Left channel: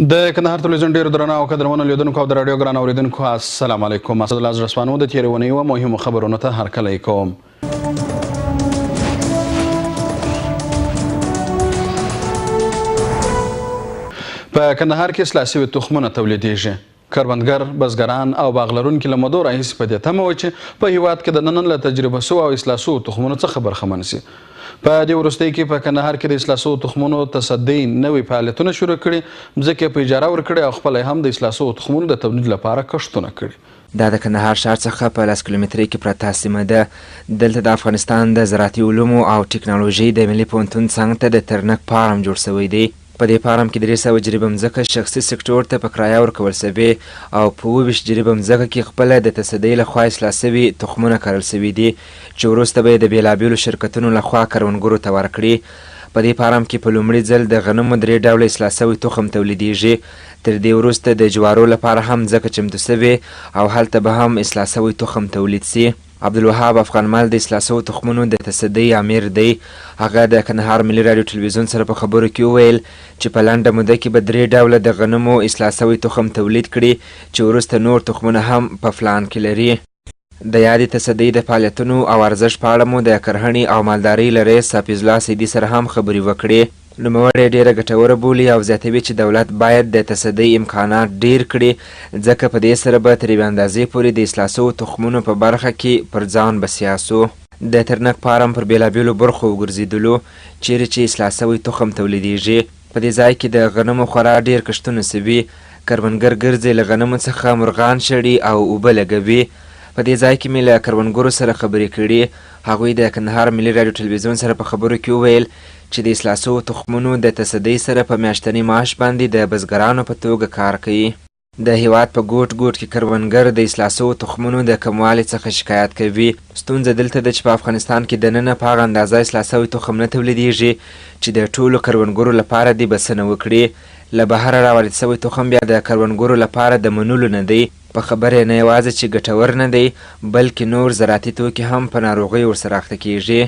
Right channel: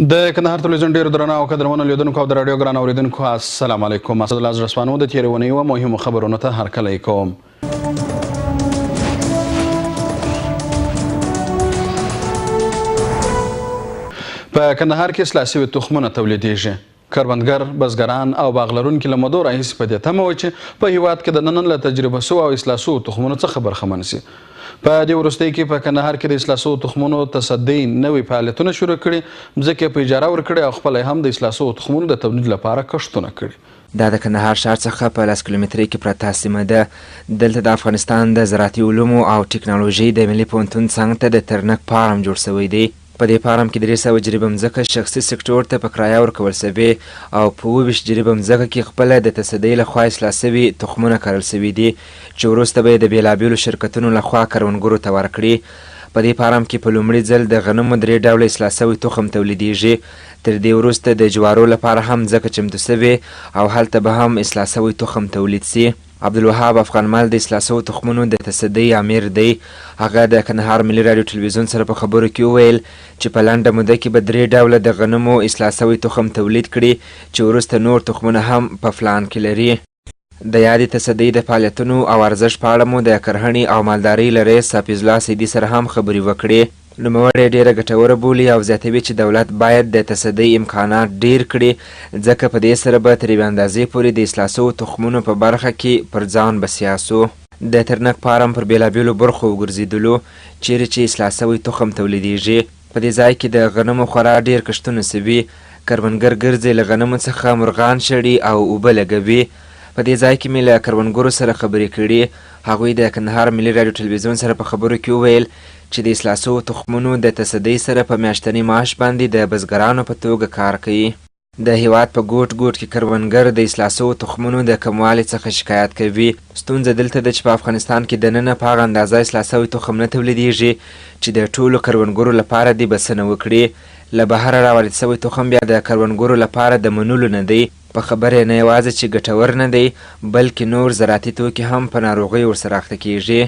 د کندهار ټلوېزیون ډېرو درنو او قدرمنو لیدونکو او د راډیو ګران اورېدونکو السلام علیکم. اسدالله زړسوانو د تېرې اونۍ یوه مهمو خبرونو ته هرکلی کوم. په کندهار کې اصلاح سوي تخمونه تولیدیږي. کروندګر، بزګران او باغ لرونکي له مودو راهیسې په دې تمه وو چې په هېواد کې د نن له تجربه سوو او اصلاح سوو تخمونو څخه برخمن سي. په دې وروستیو کې په کندهار کې د اصلاح سوو تخمونو تصدۍ نوي فعالیتونه شروع کړي، مځکې یې په اجاره ورکړې او خپله هم د اصلاح سوو تخمونو د تولید لپاره کښتونه کړي. دا د کندهار ښار څخه په 10 کیلومترۍ کې پرته سیمه ده. دلته د افغانستان د زراعتي علومو او ټکنالوژۍ د ملي پوهنتون څنګ ته د ترنک فارم جوړ سوی دی. په دې فارم کې 300 جریبه مځکه شخصي سکتور ته په کرایه ورکول سوې او په 22 جریبه مځکه کې خپله د تصدۍ لخوا اصلاح سوي تخمونه کرل سوي دي چې وروسته به یې د بېلابېلو شرکتونو لخوا کروندګرو ته ورکړي. په دې فارم کې په لومړي ځل د غنمو 3 ډوله اصلاح سوی تخم تولیدیږي. تر دې وروسته د جوارو لپاره هم مځکه چمتو سوې او هلته به هم اصلاح سوی تخم تولید سي. عبدالوهاب افغانمل د اصلاح سوو تخمونو د تصدۍ امیر دی. هغه د کندهار ملي راډیو ټلوېزیون سره په خبرو کې وویل چې په لنډه موده کې به 3 ډوله د غنمو اصلاح سوی تخم تولید کړي چې وروسته نور تخمونه هم په پلان کې لري. د یادې تصدۍ د فعالیتونو او ارزښت په اړه مو د کرهڼې او مالدارۍ له رئیس حفیظ الله سیدي سره هم خبرې وکړې. نوموړی ډېره ګټوره بولي او زیاتوي چې دولت باید د تصدۍ امکانات ډېر کړي ځکه په دې سره به تر یوې اندازې پورې د اصلاح سوو تخمونو په برخه کې پر ځان بسیا سو. د ترنک فارم پر بېلابېلو برخو وګرځېدلو چیرې چې اصلاح سوی تخم تولیدیږي. په دې ځای کې د غنمو خورا ډېر کښتونه سوي. کروندګر ګرځي له غنمو څخه مرغان شړي او اوبه لګوي. په دې ځای کې مې له کروندګرو سره خبرې کړي. هغوی د کندهار ملي راډیو ټلویزیون سره په خبرو کې وویل چې د اصلاح سوو تخمونو د تصدۍ سره په میاشتني معاش باندې د بزګرانو په توګه کار کوي. د هېواد په ګوټ ګوټ کې کروندګر د اصلاح سوو تخمونو د کموالي څخه شکایت کوي. ستونزه دلته ده چې په افغانستان کې دننه په هغه اندازه اصلاح سوی تخم نه تولیدیږي چې د ټولو کروندګرو لپاره دې بسنه وکړي. له بهره راوارد سوی تخم بیا د کروندګرو لپاره د منلو نه دی. په خبره نه یوازې چې ګټور نه دی بلکې نور زراعتي توکي هم په ناروغۍ ورسره اخته کیږي.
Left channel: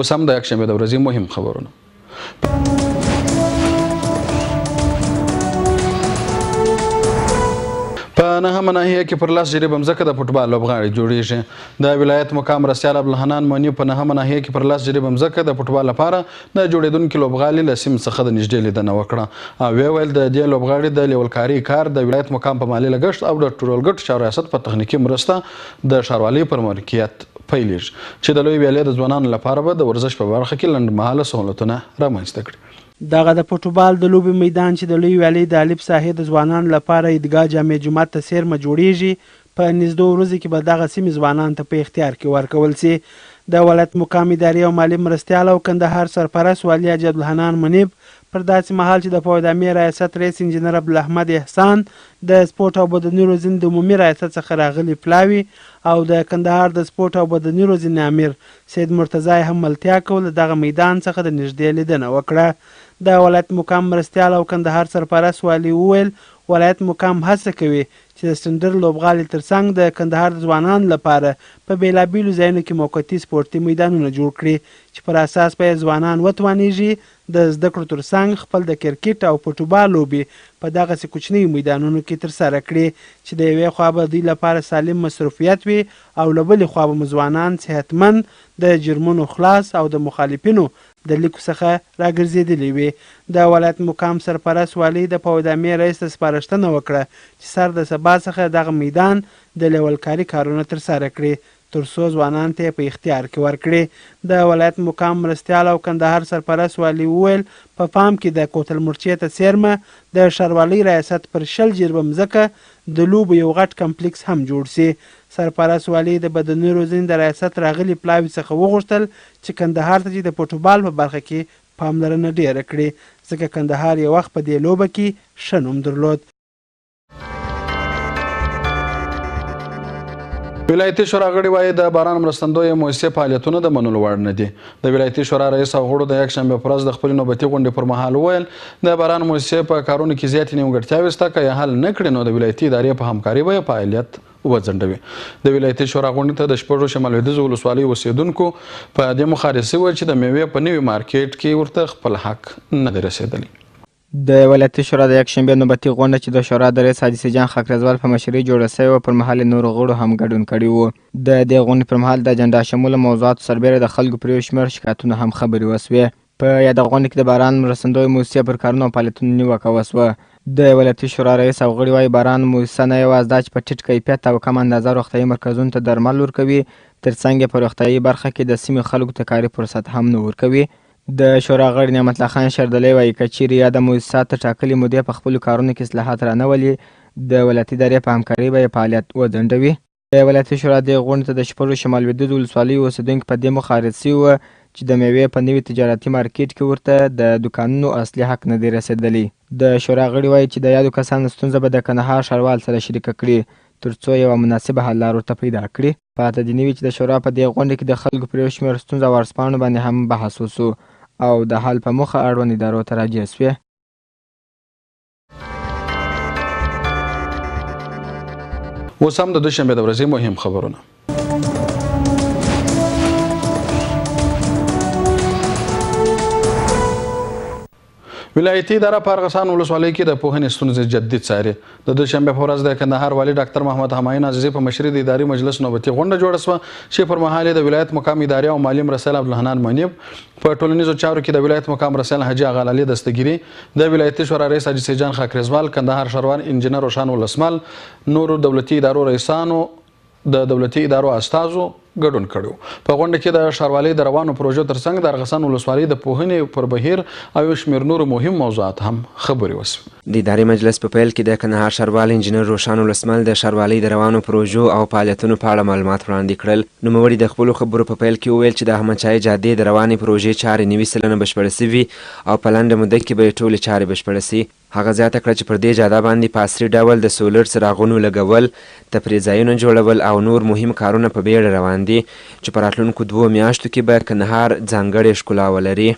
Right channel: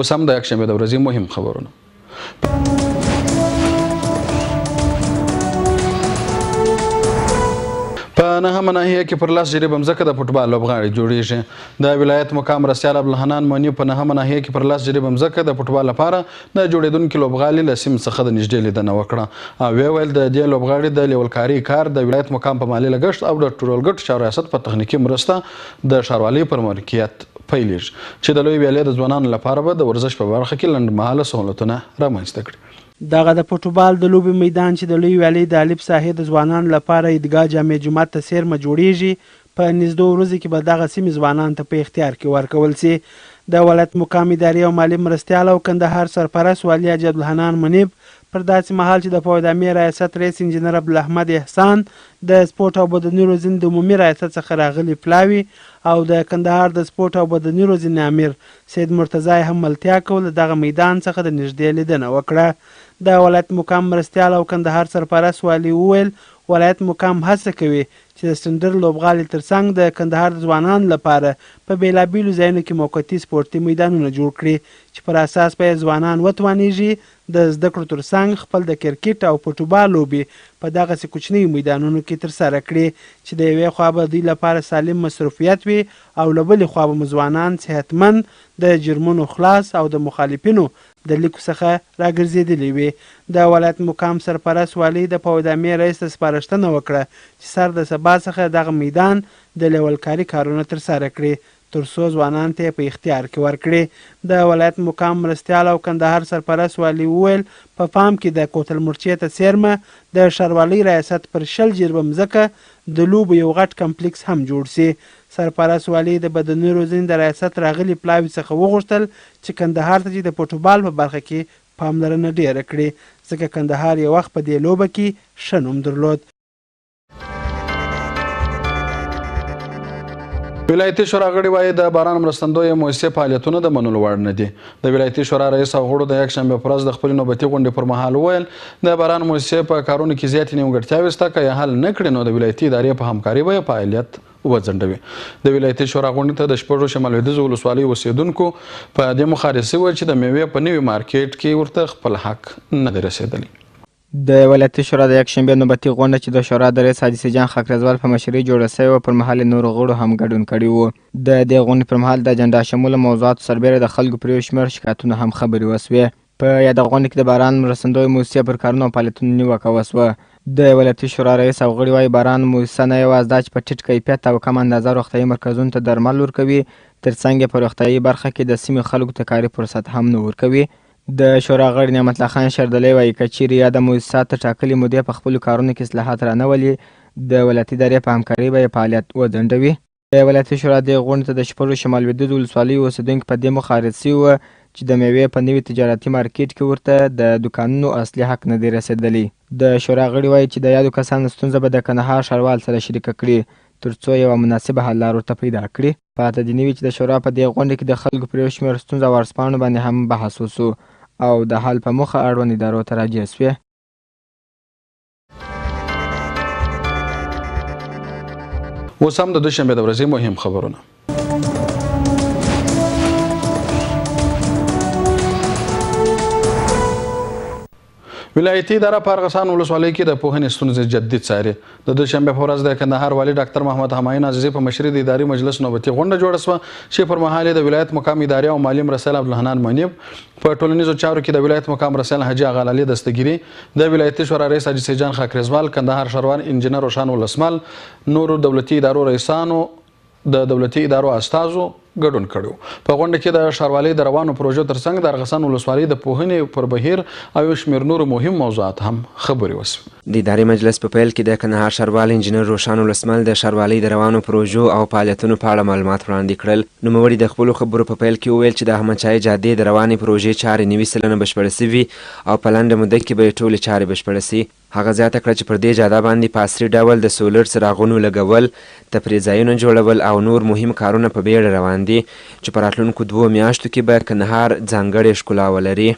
اوس هم د یکشنبې د ورځې مهم خبرونه. په نهمه ناحیه کې پر 10 جریبه مځکه د فوټبال لوبغاړي جوړیږي. د ولایت مقام مرستیال عبدالحنان مونی په نهمه ناحیه کې پر 10 جریبه مځکه د فوټبال لپاره د جوړېدونکي لوبغالي له سیمې څخه د نږدې لیدنه وکړه او ویې ویل د دې لوبغاړي د لیولکاري کار د ولایت مقام په مالي لګښت او د ټولګټو چارو ریاست په تخنیکي مرسته د ښاروالۍ پر ملکیت پیلېږي چې د لوی ویالې د ځوانانو لپاره به د ورزش په برخه کې لنډمهاله سهولتونه رامنځته کړي. دغه د فوټبال د لوبې میدان چې د لوی ویالې د الف ساحې د ځوانانو لپاره عیدګاه جامع جومات ته څیرمه جوړیږي په نږدې ورځو کې به دغه سیمې ځوانانو ته په اختیار کې ورکول سي. د ولایت مقام اداري او مالي مرستیال او کندهار سرپرست والي حاجي عبدالحنان منیب پر داسې مهال چې د پوهدامي ریاست رئیس انجینر عبدالاحمد احسان د سپورټ او بدني روزنې د عمومي ریاست څخه راغلي پلاوي او د کندهار د سپورټ او بدني روزنې امیر سید مرتضی هم ملتیا کول دغه میدان څخه د نږدې لیدنه وکړه. د ولایت مقام مرستیال او کندهار سرپرست والي وویل ولایت مقام هڅه کوي چې د سټنډر لوبغالي ترڅنګ د کندهار د ځوانانو لپاره په بېلابېلو ځایونو کې موقتي سپورتي میدانونه جوړ کړي چې پر اساس به یې ځوانان وتوانیږي د زده کړو ترڅنګ خپل د کرکټ او فوټبال لوبې په دغسې کوچنیو میدانونو کې ترسره کړي چې د یوې خوا به دوی لپاره سالم مصروفیت وي او له بلې خوا به ځوانان صحتمند د جرمونو خلاص او د مخالفینو د لیکو څخه راګرځېدلي وي. د ولایت مقام سرپرست والي د پوهدامي رئیس ته سپارښتنه وکړه چې سر د سبا څخه دغه میدان د لیولکاري کارونه ترسره کړي تر څو ځوانانو ته په اختیار کې ورکړي. د ولایت مقام مرستیال او کندهار سرپرست والي وویل په پام کې د کوتل مرچې ته څیرمه د ښاروالۍ ریاست پر 10 جریبه مځکه د لوبو یو غټ کمپلیکس هم جوړ سي. سرپرست والي د بدني روزنې د ریاست راغلي پلاوي څخه وغوښتل چې کندهار ته چې د فوټبال په برخه کې پاملرنه ډیره کړي ځکه کندهار یو وخت په دې لوبه کې ښه نوم درلود. ولایتي شورا غړي وایي د باران مرستندویه مؤسسې فعالیتونه د منلو وړ نه دي. د ولایتي شورا رئیس او غړو د یکشنبې په ورځ د خپلې نوبتي غونډې پر مهال وویل د باران مؤسسې په کارونو کې زیاتې نیمګړتیاوې شته که یې حل نه کړي نو د ولایتي ادارې په همکاري به یې فعالیت وځنډوي. د ولایتي شورا غونډې ته د شپږو شمال لویدیځو ولسوالیو اوسېدونکو په دې مخالصه وه چې د میوې په نوي مارکیټ کې ورته خپل حق نه دی رسېدلی. د ولایتي شورا د یکشنبې نوبتي غونډه چې د شورا د رئیس حاجي سیجان خاکریزوال په مشرۍ جوړه سوې وه پر مهال نورو غړو هم ګډون کړی و. د دې غونډې پر مهال د اجنډا شموله موضوعاتو سربیره د خلکو پر یو شمېر شکایتونه هم خبرې وسوې. په یاده غونډه کې د باران مرستندویه موسسې پر کارونو او فعالیتونو نیوکه وسوه. د ولایتي شورا رئیس او غړي وایي باران موسسه نه یوازې دا چې په ټیټ کیفیت او کم اندازه روغتیایي مرکزونو ته درمل ورکوي، ترڅنګ یې په روغتیایي برخه کې د سیمې خلکو ته کاري فرصت هم نه ورکوي. د شورا غړي نعمت الله خان شردلی وایي که چیرې یاده موسسه تر ټاکلې مودې په خپلو کارونو کې اصلاحات رانولي، د ولایتي ادارې په همکارۍ به یې فعالیت وځنډوي. د ولایتي شورا دې غونډې ته د شپږو شمال لویدیځو ولسوالیو اوسېدونکي په دې مخالف سوي وه چې د میوې په نوي تجارتي مارکیټ کې ورته د دوکانونو اصلي حق نه دی رسېدلی. د شورا غړي وایي چې د یادو کسانو ستونزه به د کندهار ښاروال سره شریکه کړي ترڅو یوه مناسبه حل لار ورته پیدا کړي. پاته دې نه وي چې د شورا په دې غونډه کې د خلکو پر یو شمېر ستونزو او ورځپاڼو باندې هم بحث وسو او د حل په موخه اړوند ادارو ته راجع سوې. اوس هم د دوشنبې د ورځې مهم خبرونه. ولایتي اداره په ارغسان ولسوالۍ کې د پوهنې ستونزې جدي څاري. د دوشنبې په ورځ د کندهار والي ډاکټر محمد همایون عزیزي په مشرۍ د اداري مجلس نوبتي غونډه جوړه شوه چې پر مهال یې د ولایت مقام اداري او مالي مرستیال عبدالحنان منیب، په ټولنیزو چارو کې د ولایت مقام مرستیال حاجي اغالالي دستګیري، د ولایتي شورا رئیس حاجي سیجان خاکریزوال، کندهار ښاروال انجینر روشان ولسمل، نورو دولتي ادارو رئیسانو، د دولتي ادارو استازو ګډون کړی. په غونډه کې د ښاروالۍ د روانو پروژو ترڅنګ د ارغسان ولسوالۍ د پوهنې پر بهیر او یو شمېر نورو مهم موضوعات هم خبرې وسوې. د اداري مجلس په پیل کې د کندهار ښاروال انجینر روشان ولسمل د ښاروالۍ د روانو پروژو او فعالیتونو په اړه معلومات وړاندې کړل. نوموړي د خپلو خبرو په پیل کې وویل چې د احمدشاهي جادې د روانې پروژې چارې 90% بشپړه سوي او په لنډه موده کې به یې ټولې چارې بشپړه سي. هغه زیاته کړه چې پر دې جاده باندې په عصري ډول د سولر څراغونو لګول، تفریح ځایونه جوړول او نور مهم کارونه په بیړه روان دي چې په راتلونکو 2 میاشتو کې به کندهار ځانګړې ښکلا ولري.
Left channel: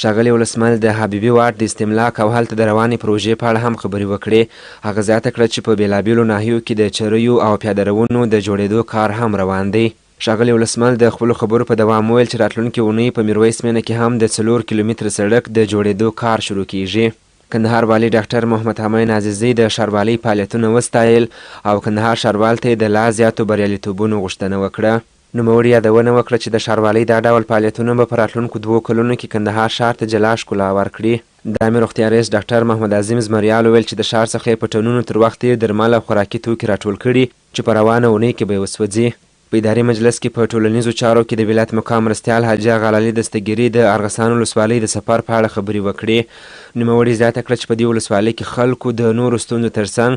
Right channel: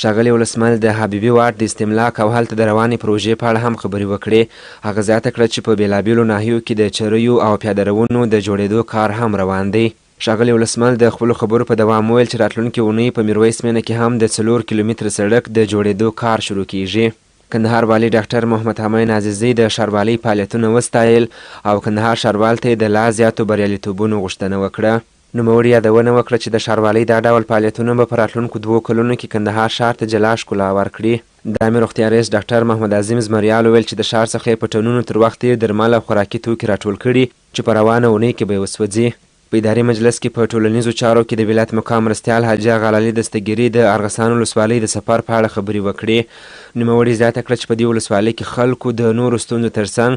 ښاغلي ولسمل د حبیبي واټ د استملاک او هلته د روانې پروژې په اړه هم خبرې وکړې. هغه زیاته کړه چې په بېلابېلو ناحیو کې د چریو او پیاده روونو د جوړېدو کار هم روان دی. ښاغلي ولسمل د خپلو خبرو په دوام وویل چې راتلونکې اونۍ په میرویس مینه کې هم د 4 کیلومتره سړک د جوړېدو کار شروع کیږي. کندهار والي ډاکټر محمد همایون عزیزي د ښاروالۍ فعالیتونه وستایل او کندهار ښاروال ته یې د لا زیاتو بریالیتوبونو غوښتنه وکړه. نوموړي یادونه وکړه چې د ښاروالۍ دا ډول فعالیتونه به په راتلونکو 2 کلونو کې کندهار ښار ته جلا ښکلا ورکړي. د عامې روغتیا رئیس ډاکټر محمد عظیم زمریال وویل چې د ښار څخه یې په ټنونو تر وخته درمل او خوراکي توکي راټول کړي چې په روانه اونۍ کې به یې وسوځي. په اداري مجلس کې په ټولنیزو چارو کې د ولایت مقام مرستیال حاجي اغالالي دستګیري د ارغسان ولسوالۍ د سفر په اړه خبرې وکړې. نوموړي زیاته کړه چې په دې ولسوالۍ کې خلکو د نورو ستونزو ترڅنګ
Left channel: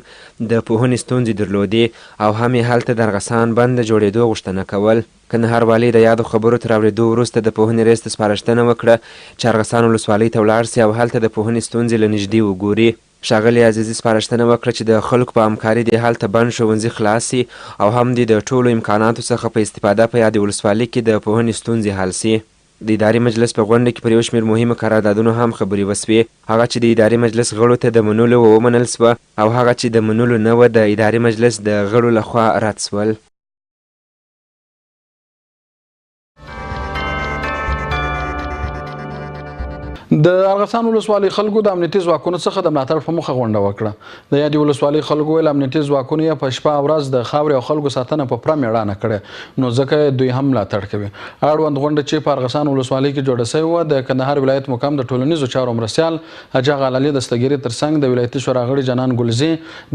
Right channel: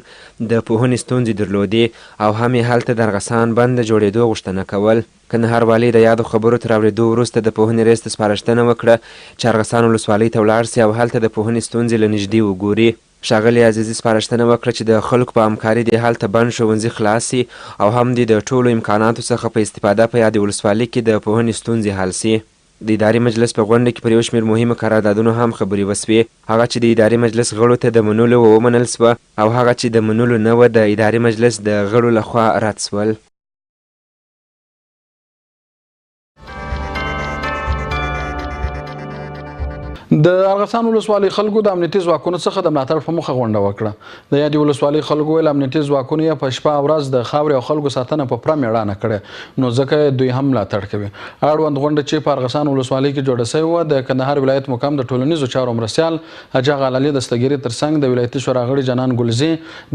د پوهنې ستونزې درلودې او هم یې هلته د ارغسان بند د جوړېدو غوښتنه کول. کندهار والي د یادو خبرو تر اورېدو وروسته د پوهنې رئیس ته سپارښتنه وکړه چې ارغسان ولسوالۍ ته ولاړ سي او هلته د پوهنې ستونزې له نږدې وګوري. ښاغلي عزیزي سپارښتنه وکړه چې د خلکو په همکاري دې هلته بند ښوونځي خلاص سي او هم د ټولو امکاناتو څخه په استفاده په یادې ولسوالۍ کې د پوهنې ستونزې حل سي. د اداري مجلس په غونډه کې پر یو شمېر مهمو قراردادونو هم خبرې وسوې. هغه چې د اداري مجلس غړو ته د منلو ومنل سوه او هغه چې د منلو نه وه د اداري مجلس د غړو لخوا رد سول. د ارغسان ولسوالۍ خلکو د امنیتي ځواکونو څخه د ملاتړ په موخه غونډه وکړه. د یادې ولسوالۍ خلکو ویل امنیتي ځواکونو یې په شپه او ورځ د خاورې او خلکو ساتنه په پوره مېړانه کړې، نو ځکه دوی هم ملاتړ کوي. اړوند غونډه چې په ارغسان ولسوالۍ کې جوړه سوې وه د کندهار ولایت مقام د ټولنیزو چارو مرستیال حاجي اغالالي دستګیري ترڅنګ د ولایتي شورا غړي جنان ګلزي،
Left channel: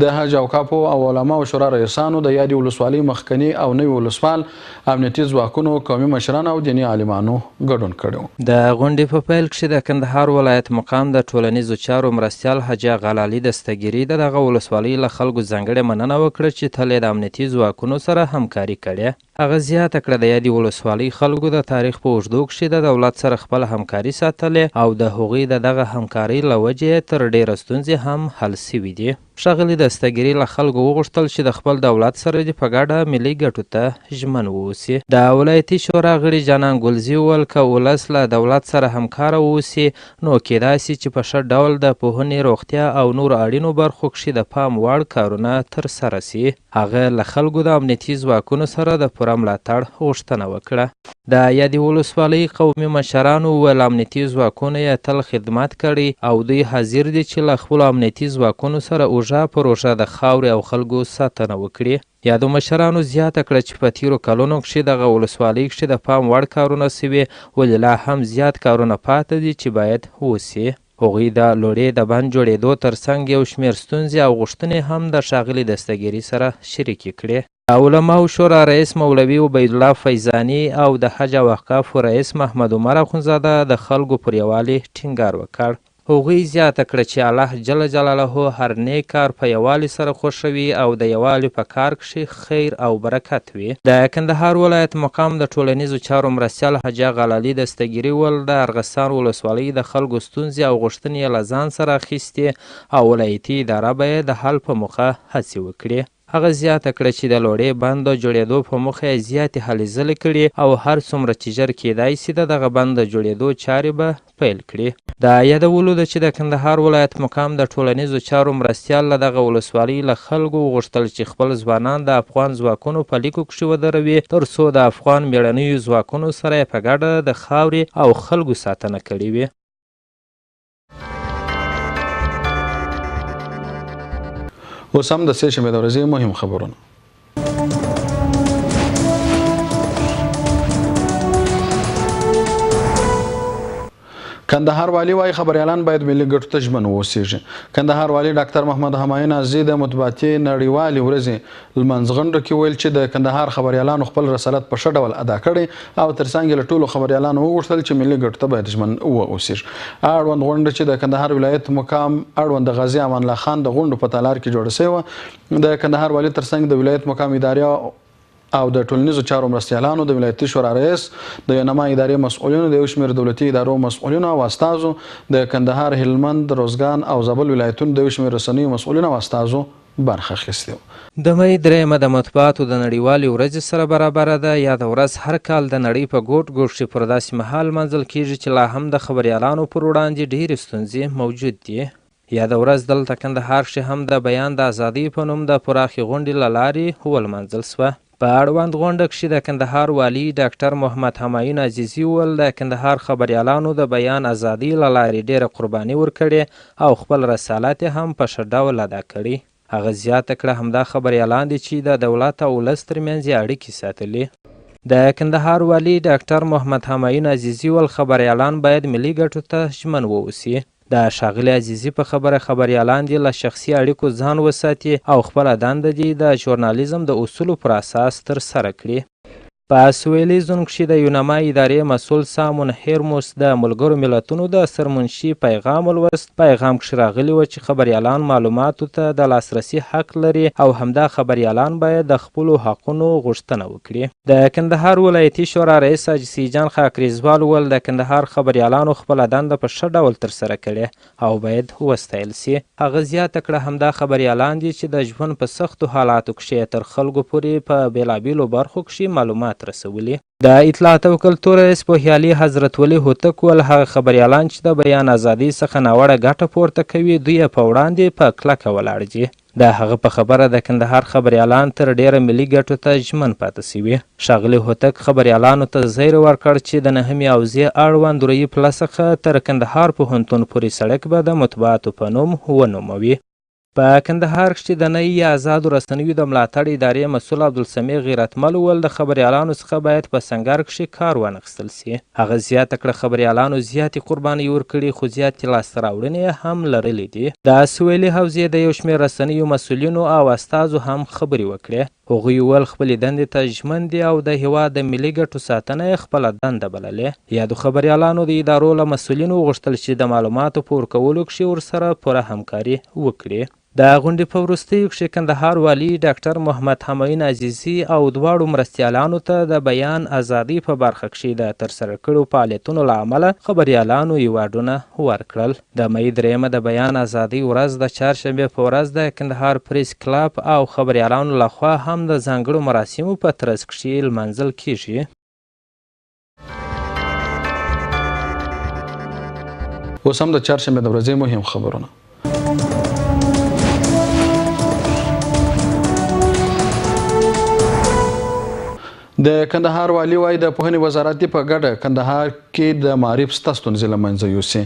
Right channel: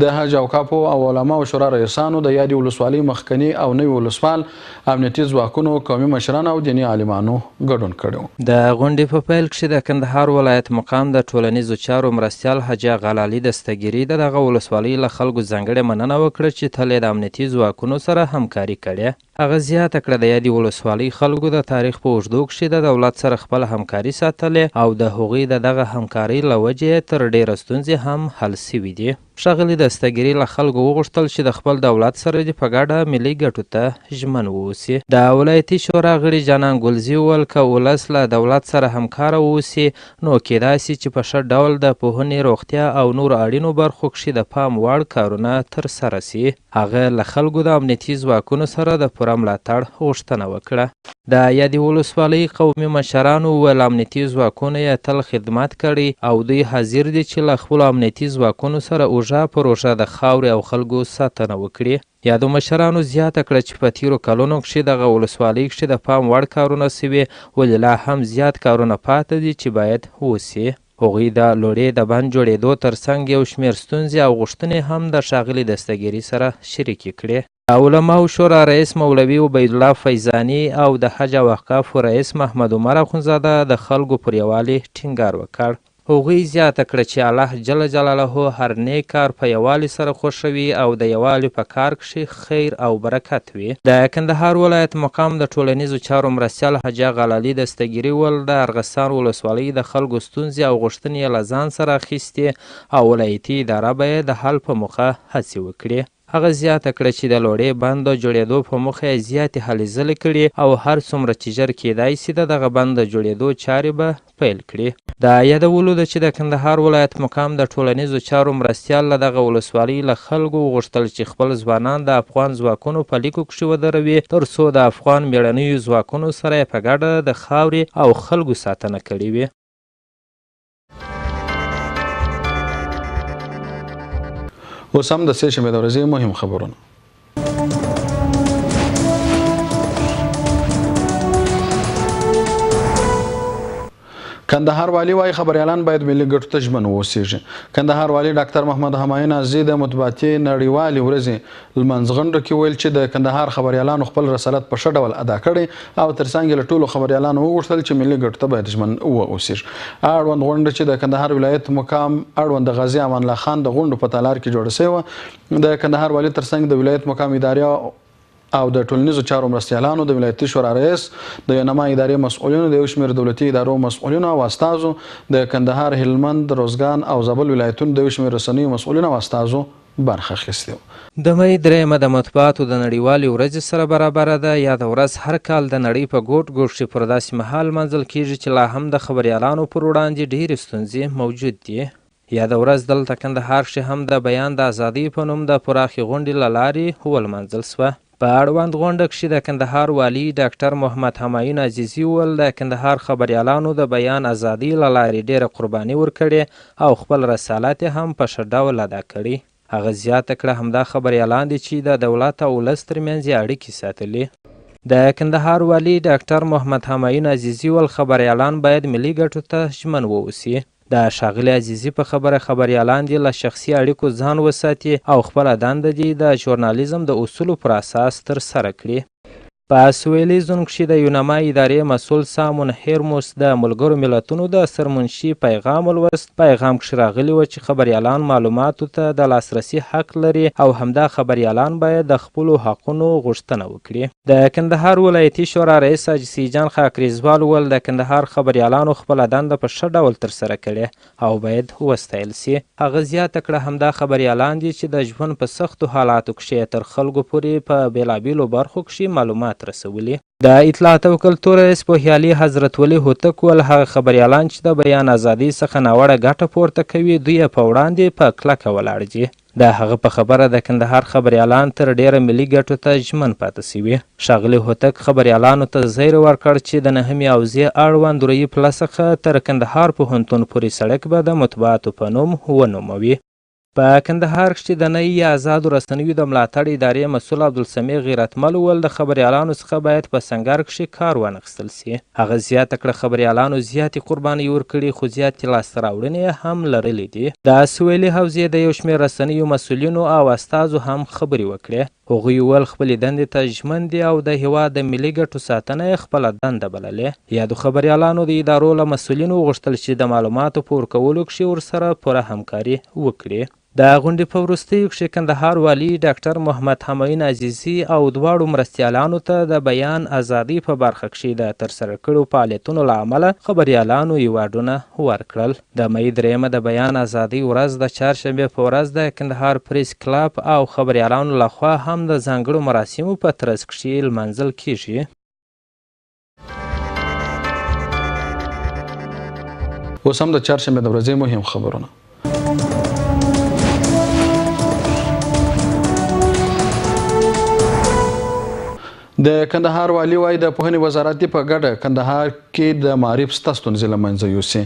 د حج اوقافو او علماو شورا رئیسانو، د یادې ولسوالۍ مخکني او نوي ولسوال، امنیتي ځواکونو، قومي مشران او دیني عالمانو ګډون کړی. د غونډې په پیل کښې د کندهار ولایت مقام د ټولنیزو چارو مرستیال حاجي اغالالي دستګیري د دغه ولسوالۍ له خلکو ځانګړې مننه وکړه چې تل یې د امنیتي ځواکونو سره همکاري کړې. هغه زیاته کړه د یادې ولسوالۍ خلکو د تاریخ په اوږدو کښې د دولت سره خپله همکاري ساتلې او د هغوی د دغه همکارۍ له وجې تر ډېره ستونزې هم حل سوي دي. ښاغلي دستګیري له خلکو وغوښتل چې د خپل دولت سره دې په ګډه ملي ګټو ته ژمن واوسي. د ولایتي شورا غړي جانان ګلزي وویل که ولس له دولت سره همکاره واوسي نو کیدای سي چې په ښه ډول د پوهنې، روغتیا او نورو اړینو برخو کښې د پام وړ کارونه ترسره سي. هغه له خلکو د امنیتي ځواکونو سره د پوره ملاتړ غوښتنه وکړه. د یادې ولسوالۍ قومي مشرانو وویل امنیتي ځواکونه یې تل خدمت کړی او دوی حاضر دي چې له خپلو امنیتي ځواکونو سره اوږه پر اوږه د خاورې او خلکو ساتنه وکړي. یادو مشرانو زیاته کړه چې په تیرو کلونو کښې دغه ولسوالۍ کښې د پام وړ کارونه سوي، ولې لا هم زیات کارونه پاته دي چې باید وسي. هغوی د لوړې د بند جوړېدو ترڅنګ یو شمېر ستونزې او غوښتنې هم د ښاغلي دستګیري سره شریکې کړې. د علماو شورا رئیس مولوي عبیدالله فیضاني او د حج او اوقافو رئیس محمد عمر اخندزاده د خلکو پر یووالي ټینګار وکړ. هغوی زیاته کړه چې الله جل جلاله هر نیک کار په یووالي سره خوښوي او د یووالي په کار کښې خیر او برکت وي. د کندهار ولایت مقام د ټولنیزو چارو مرستیال حاجي غلالي دستګیري وویل د ارغستان ولسوالۍ د خلکو ستونزې او غوښتنې یې له ځان سره اخیستې او ولایتي اداره به یې د حل په موخه هڅې وکړي. هغه زیاته کړه چې د لوړې بند د جوړېدو په موخه یې زیاتې هلې ځلې کړي او هر څومره چې ژر کیدای سي د دغه بند د جوړېدو چارې به پیل کړي. د یادولو ده چې د کندهار ولایت مقام د ټولنیزو چارو مرستیال له دغه ولسوالۍ له خلکو وغوښتل چې خپل ځوانان د افغان ځواکونو په لیکو کښې ودروي تر څو د افغان مېړنیو ځواکونو سره یې په ګډه د خاورې او خلکو ساتنه کړې وي. اوس هم د سې شنبې د ورځې مهم خبرونه. کندهار والی وايي خبريالان باید ملي ګټو ته ژمن واوسیږي. کندهار والی ډاکټر محمد همایون عزیزي د مطبوعاتي نړیوالې ورځې لمانځغونډه کې ویل چې د کندهار خبريالانو خپل رسالت په ښه ډول ادا کړی او ترڅنګ یې له ټولو خبريالانو وغوښتل چې ملي ګټو ته باید ژمن واوسیږي. اړوند غونډه چې د کندهار ولایت مقام اړوند د غازي امان الله خان د غونډو په تالار کې جوړه شوې وه. د کندهار والی ترڅنګ د ولایت مقام ادارې او د ټولنیزو چارو مرستیالانو د ولایتي شورا رئیس د ینما ادارې مسؤلینو د یو شمېر دولتي ادارو مسؤلینو او استازو د کندهار، هلمند، روزګان او زابل ولایتونو د یو شمېر رسنیو مسؤلینو او استازو برخه اخیستې وه. د مۍ درېیمه د مطبوعاتو د نړیوالې ورځې سره برابره ده. یاده ورځ هر کال د نړۍ په ګوټ ګوټ کښې پر داسې مهال لمانځل کېږي چې لا هم د خبریالانو پر وړاندې ډېرې ستونزې موجود دي. یاده ورځ دلته کندهار کښې هم د بیان د ازادۍ په نوم د پراخې غونډې له لارې ولمانځل سوه. په اړوند غونډه کښې د کندهار والي ډاکټر محمد همایون عزیزي وویل د کندهار خبریالانو د بیان ازادۍ له لارې ډېره قرباني ورکړې او خپل رسالت یې هم په ښه ډول ادا کړی. هغه زیاته کړه همدا خبریالان دي چې د دولت او ولس ترمنځ یې اړیکې ساتلي. د کندهار والي ډاکټر محمد همایون عزیزي وویل خبریالان باید ملي ګټو ته ژمن واوسي. د ښاغلي عزیزي په خبره خبریالان دي له شخصي اړیکو ځان وساتي او خپله دنده دي د ژورنالیزم د اصولو پر اساس ترسره کړي. په سویلي زون کښې د یونما ادارې مسؤل سامون هیرموس د ملګرو ملتونو د سرمنشي پیغام ولوست. پیغام کښې راغلي وه چې خبریالان معلوماتو ته د لاسرسي حق لري او همدا خبریالان باید د خپلو حقونو غوښتنه وکړي. د کندهار ولایتي شورا رئیس حاجي سیجان خاکریزوال وویل د کندهار خبریالانو خپله دنده په ښه ډول ترسره کړې او باید وستایل سي. هغه زیاته کړه همدا خبریالان دي چې د ژوند په سختو حالاتو کښې تر خلکو پورې په بېلابېلو برخو کښې معلومات رسولي. د اطلاعات او کلتور رئیس پوهیالي حضرت ولي هوتک وویل هغه خبریالان چې د بیان ازادۍ څخه ناوړه ګټه پورته کوي دوی یې په وړاندې په کلکه ولاړ دي. د هغه په خبره د کندهار خبریالان تر ډیره ملي ګټو ته ژمن پاتې سوي. ښاغلي هوتک خبریالانو ته زیر ورکړ چې د 9مې حوزې اړوند روي پله څخه تر کندهار پوهنتون پورې سړک به د مطبوعاتو په نوم ونوموي. په کندهار کښې د نوي آزادو رسنیو د ملاتړ ادارې مسؤل عبدالسمیع غیرتمل وویل د خبریالانو څخه باید په سنګر کښې کار وانخیستل سي. هغه زیاته کړه خبریالانو زیاتې قربانۍ ورکړي خو زیاتې لاسته راوړنې هم لرلې دي. د سویلي حوزې د یو شمېر رسنیو مسؤلینو او استازو هم خبرې وکړې. هغوی وویل خپلې دندې ته ژمن دي او د هېواد د ملي ګټو ساتنه یې خپله دنده بللې. یادو خبریالانو د ادارو له مسؤلینو وغوښتل چې د معلوماتو په ورکولو کښې ورسره پوره همکاري وکړي. د غونډې په وروستیو کښې کندهار والي ډاکټر محمد همایون عزیزي او دواړو مرستیالانو ته د بیان ازادۍ په برخه کښې د ترسره کړو فعالیتونو له امله خبریالانو ایوارډونه ورکړل. د مۍ 3 د بیان ازادۍ ورځ د چهارشنبې په ورځ د کندهار پریس کلب او خبریالانو لخوا هم د ځانګړو مراسمو په ترڅ کښې لمانځل کیږي. اوس هم د چهارشنبې د ورځې مهم خبرونه. د کندهار والي وایي د پوهنې وزارت په ګډه کندهار کې د معارف سته ستونزې له منځه یوسي.